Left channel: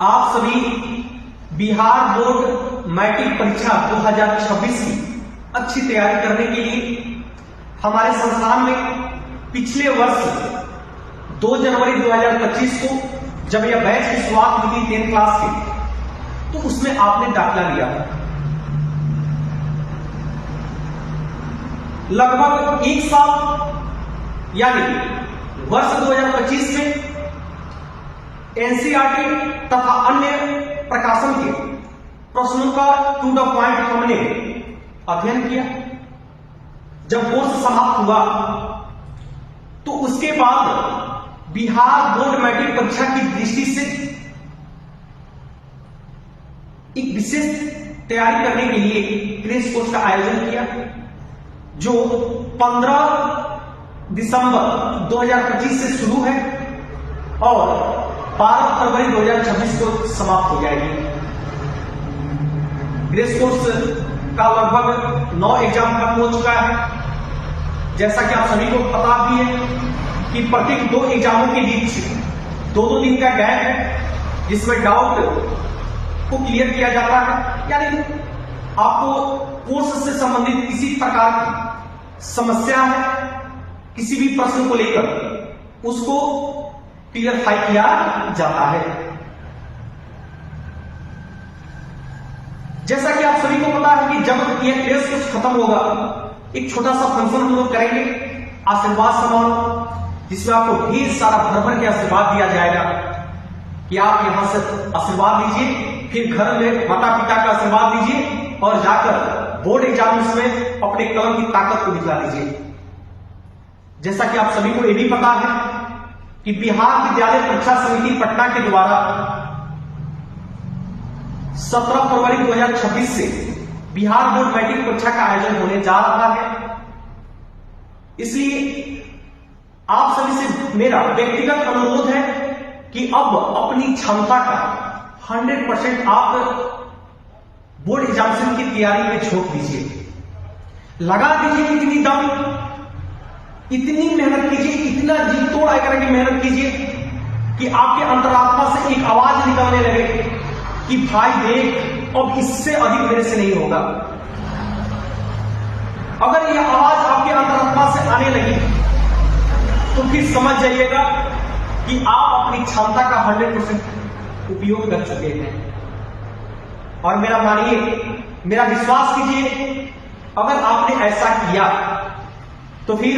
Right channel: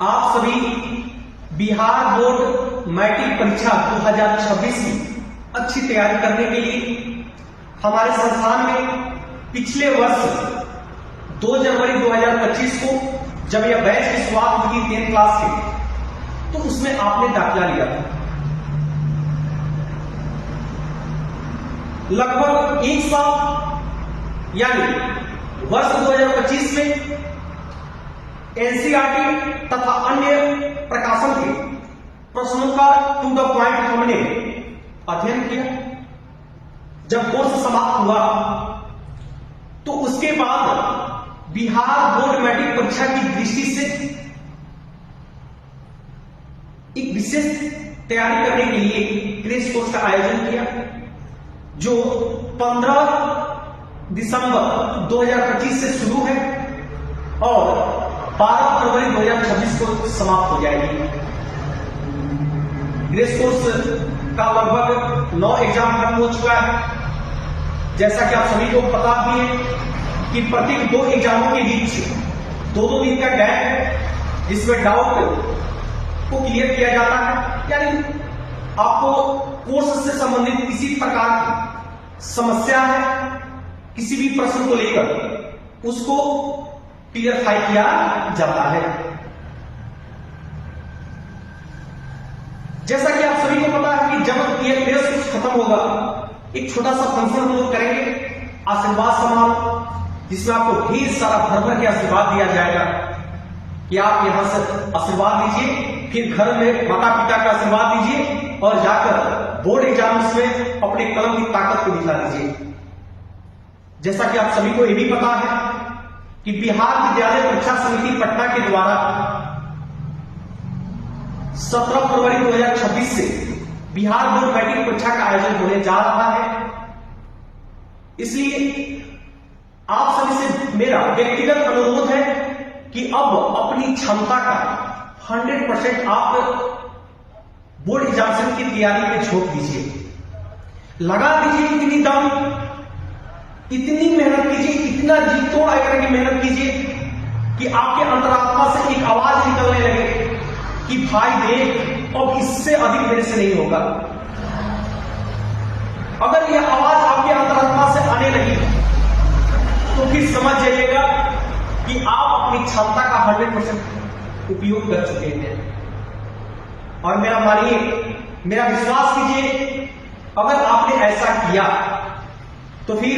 आप सभी Bihar board matric परीक्षा 2026 की अच्छी तैयारी करने के लिए हमारे संस्थान में पिछले वर्ष 2 जनवरी 2025 को जब यह बैच की शुरुआत हुई थी 10th क्लास की, तो उसमें आपने दाखिला लिया था। लगभग एक साल यानी वर्ष 2025 में एनसीईआरटी तथा अन्य प्रकाशन के प्रश्नों का टू द पॉइंट हमने अध्ययन किया। जब कोर्स समाप्त हुआ तो उसके बाद बिहार बोर्ड मैट्रिक परीक्षा की दृष्टि से एक विशेष तैयारी करने के लिए क्रैश कोर्स का आयोजन किया, जो 15 दिसंबर 2025 से शुरू है और 12 फरवरी 2026 को समाप्त हो जाएगी। ग्रेस कोर्स का लगभग 9 एग्जाम खत्म हो चुका है। जैसा कि आप सभी को पता भी है कि प्रत्येक 2 एग्जामों के बीच 2-2 दिन का गैप है, जिसमें डाउट को क्लियर किया जाता है। यानी आपको कोर्स से संबंधित किसी प्रकार की समस्या है, किसी भी प्रश्न को लेकर उसको क्लियरफाई किया जाता है। जैसा कि आप सभी को पता है कि जब ये टेस्ट कुछ खत्म होगा, एक छोटा सा फंक्शन हम लोग करेंगे, आशीर्वाद समारोह, जिसमें आपको ढेर सारा भर भर के आशीर्वाद दिया जाएगा कि आप यहां से आशीर्वाद लीजिए, फिर घर में माता पिता का आशीर्वाद लीजिए और जाकर बोर्ड एग्जाम्स में अपने कलम की ताकत को दिखा दीजिए। जैसा कि आप सभी को यह भी पता है कि बिहार विद्यालय परीक्षा समिति पटना के द्वारा 17 फरवरी 2026 से बिहार बोर्ड मैट्रिक परीक्षा का आयोजन होने जा रहा है। इसलिए आप सभी से मेरा व्यक्तिगत अनुरोध है कि अब अपनी क्षमता का 100% आप बोर्ड एग्जामिनेशन की तैयारी में झोंक दीजिए, लगा दीजिए इतनी दम, इतनी मेहनत कीजिए, इतना जी तोड़ करके मेहनत कीजिए कि आपके अंतरात्मा से एक आवाज निकलने लगे कि भाई देख, अब इससे अधिक मेरे से नहीं होगा। अगर यह आवाज आपके अंतरात्मा से आने लगी तो फिर समझ जाइएगा कि आप अपनी क्षमता का 100% उपयोग कर चुके हैं। और मेरा मानिए, मेरा विश्वास कीजिए, अगर आपने ऐसा किया तो फिर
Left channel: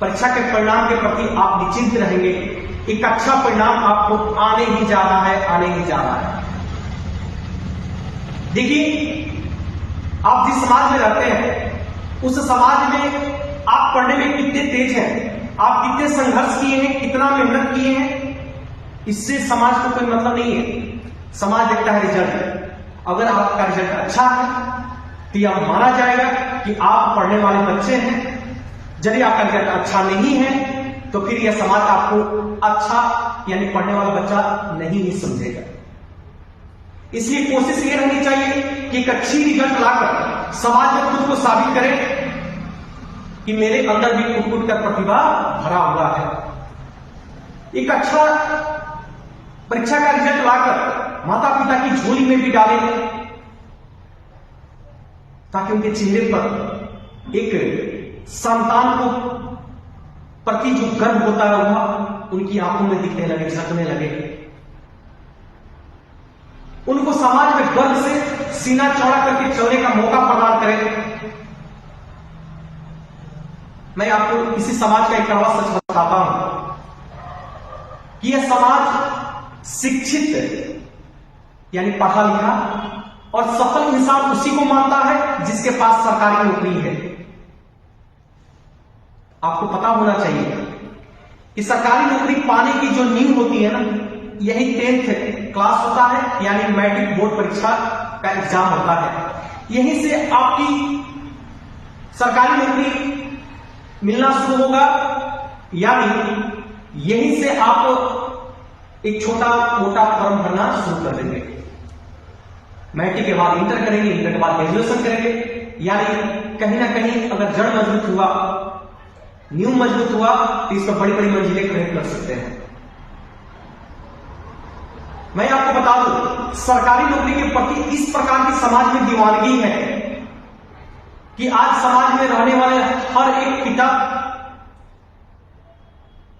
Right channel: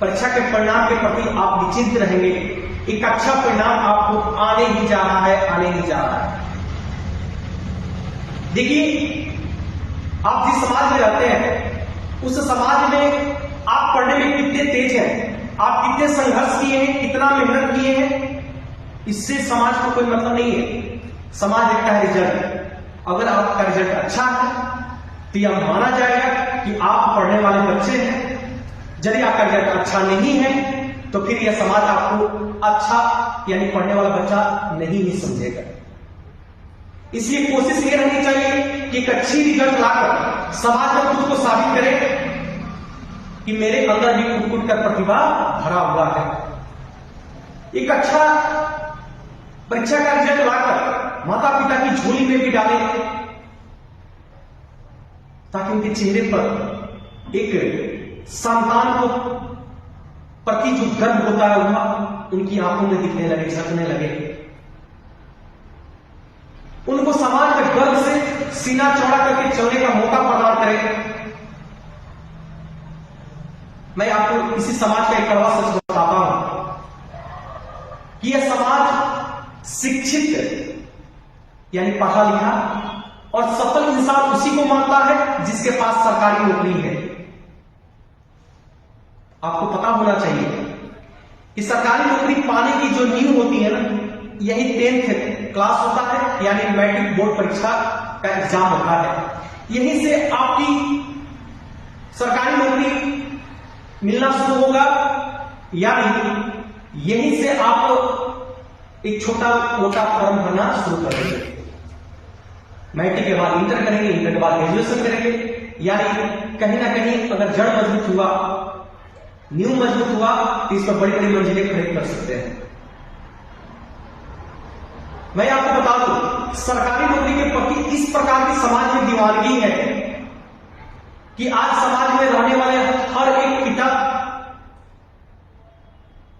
परीक्षा के परिणाम के प्रति आप निश्चिंत रहेंगे। एक अच्छा परिणाम आपको आने ही जा रहा है, आने ही जा रहा है। देखिए, आप जिस समाज में रहते हैं उस समाज में आप पढ़ने में कितने तेज हैं, आप कितने संघर्ष किए हैं, कितना मेहनत किए हैं, इससे समाज को कोई मतलब नहीं है। समाज देखता है रिजल्ट। अगर आपका रिजल्ट अच्छा है तो यह माना जाएगा कि आप पढ़ने वाले बच्चे हैं। यदि आपका रिजल्ट अच्छा नहीं है तो फिर यह समाज आपको अच्छा यानी पढ़ने वाला बच्चा नहीं ही समझेगा। इसलिए कोशिश ये रहनी चाहिए कि एक अच्छी रिजल्ट लाकर समाज में खुद को साबित करे कि मेरे अंदर भी कुट कर प्रतिभा भरा हुआ है। एक अच्छा परीक्षा का रिजल्ट लाकर माता पिता की झोली में भी डाले, ताकि उनके चेहरे पर एक संतान को प्रति जो गर्व होता है वह उनकी आंखों में दिखने लगे, झलकने लगे। उनको समाज में गर्व से सीना चौड़ा करके चलने का मौका प्रदान करें। मैं आपको इसी समाज का एक कड़वा सच बताता हूं कि यह समाज शिक्षित यानी पढ़ा लिखा और सफल इंसान उसी को मानता है जिसके पास सरकारी नौकरी है। आपको पता होना चाहिए कि सरकारी नौकरी पाने की जो नींव होती है ना, यही 10th क्लास होता है, यानी मैट्रिक बोर्ड परीक्षा का एग्जाम होता है। यहीं से आपकी सरकारी नौकरी मिलना शुरू होगा, यानी यहीं से आप एक छोटा मोटा फॉर्म भरना शुरू कर देंगे। मैट्रिक के बाद इंटर करेंगे, इंटर के बाद ग्रेजुएशन करेंगे, यानी कहीं ना कहीं अगर जड़ मजबूत हुआ, नींव मजबूत हुआ तो इस पर बड़ी बड़ी मंजिलें खड़ी कर सकते हैं। मैं आपको बता दूं, सरकारी नौकरी के प्रति इस प्रकार की समाज में दीवानगी है कि आज समाज में रहने वाले हर एक पिता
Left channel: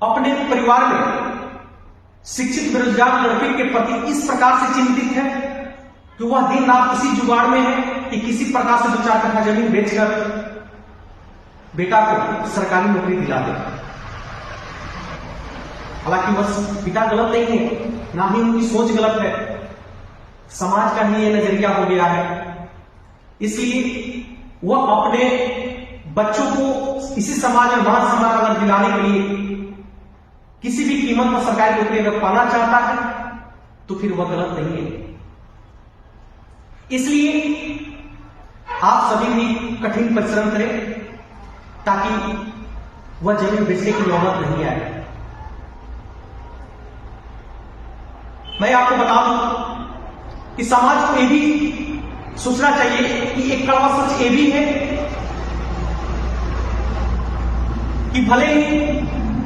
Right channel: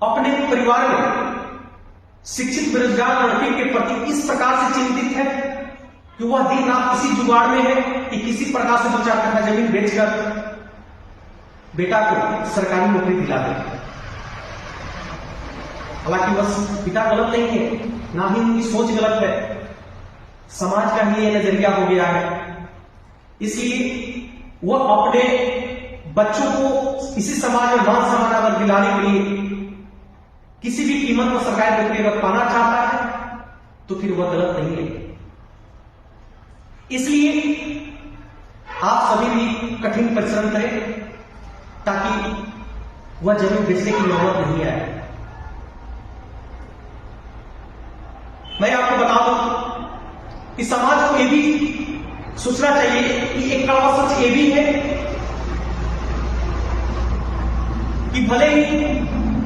अपने परिवार में शिक्षित बेरोजगार लड़के के प्रति इस प्रकार से चिंतित है कि वह दिन रात उसी जुगाड़ में है कि किसी प्रकार से 2-4 कट्ठा जमीन बेचकर बेटा को सरकारी नौकरी दिला दे। हालांकि वह पिता गलत नहीं है, ना ही उनकी सोच गलत है, समाज का ही यह नजरिया हो गया है। इसलिए वह अपने बच्चों को इसी समाज में मान सम्मान अगर दिलाने के लिए किसी भी कीमत पर सरकारी नौकरी अगर पाना चाहता है तो फिर वह गलत नहीं है। इसलिए आप सभी भी कठिन परिश्रम करें ताकि वह जमीन बेचने की नौबत नहीं आए। मैं आपको बता दूं कि समाज को यह भी सोचना चाहिए कि एक कड़वा सोच ये भी है कि भले ही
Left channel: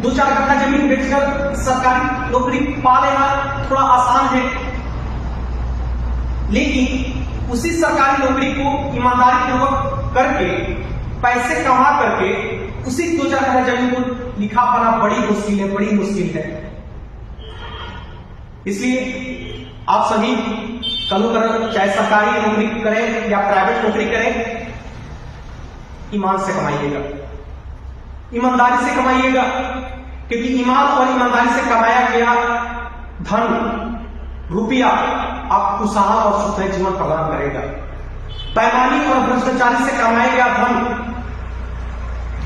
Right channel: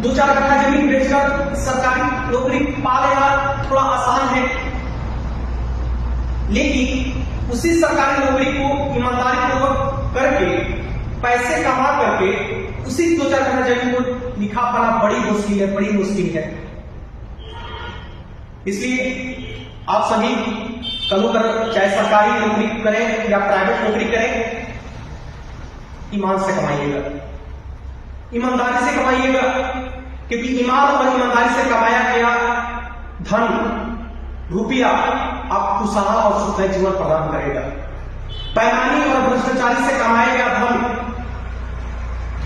2-4 कट्ठा जमीन बेचकर सरकारी नौकरी पा लेना थोड़ा आसान है, लेकिन उसी सरकारी नौकरी को ईमानदारी पूर्वक करके पैसे कमा करके उसी 2-4 कट्ठा जमीन को लिखा पाना बड़ी मुश्किल है। इसलिए आप सभी कल कर चाहे सरकारी नौकरी करें या प्राइवेट नौकरी करें, ईमान से कमाइएगा, ईमानदारी से कमाइएगा, क्योंकि ईमान और ईमानदारी से कमाया गया धन रुपया आपको खुशहाल और सुखमय जीवन प्रदान करेगा। बेईमानी और भ्रष्टाचारी से कमाया गया धन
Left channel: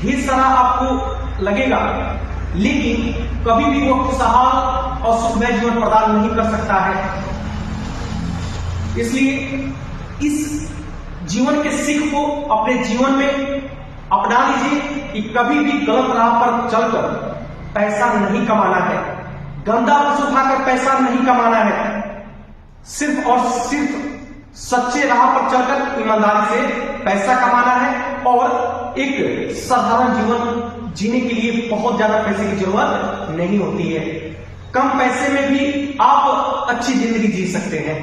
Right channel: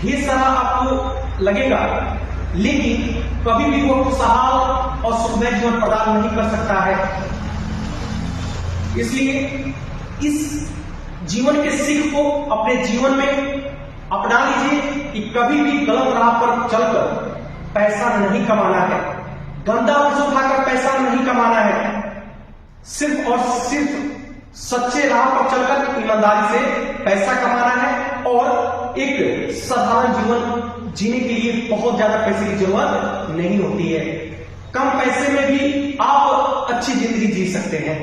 ढेर सारा आपको लगेगा, लेकिन कभी भी वो खुशहाल और सुखमय जीवन प्रदान नहीं कर सकता है। इसलिए इस जीवन के सीख को अपने जीवन में अपना लीजिए कि कभी भी गलत राह पर चलकर पैसा नहीं कमाना है, गंदा वस्तु उठाकर पैसा नहीं कमाना है, सिर्फ और सिर्फ सच्चे राह पर चलकर ईमानदारी से पैसा कमाना है और एक साधारण जीवन जीने के लिए बहुत ज्यादा पैसे की जरूरत नहीं होती है। कम पैसे में भी आप अच्छी जिंदगी जी सकते हैं।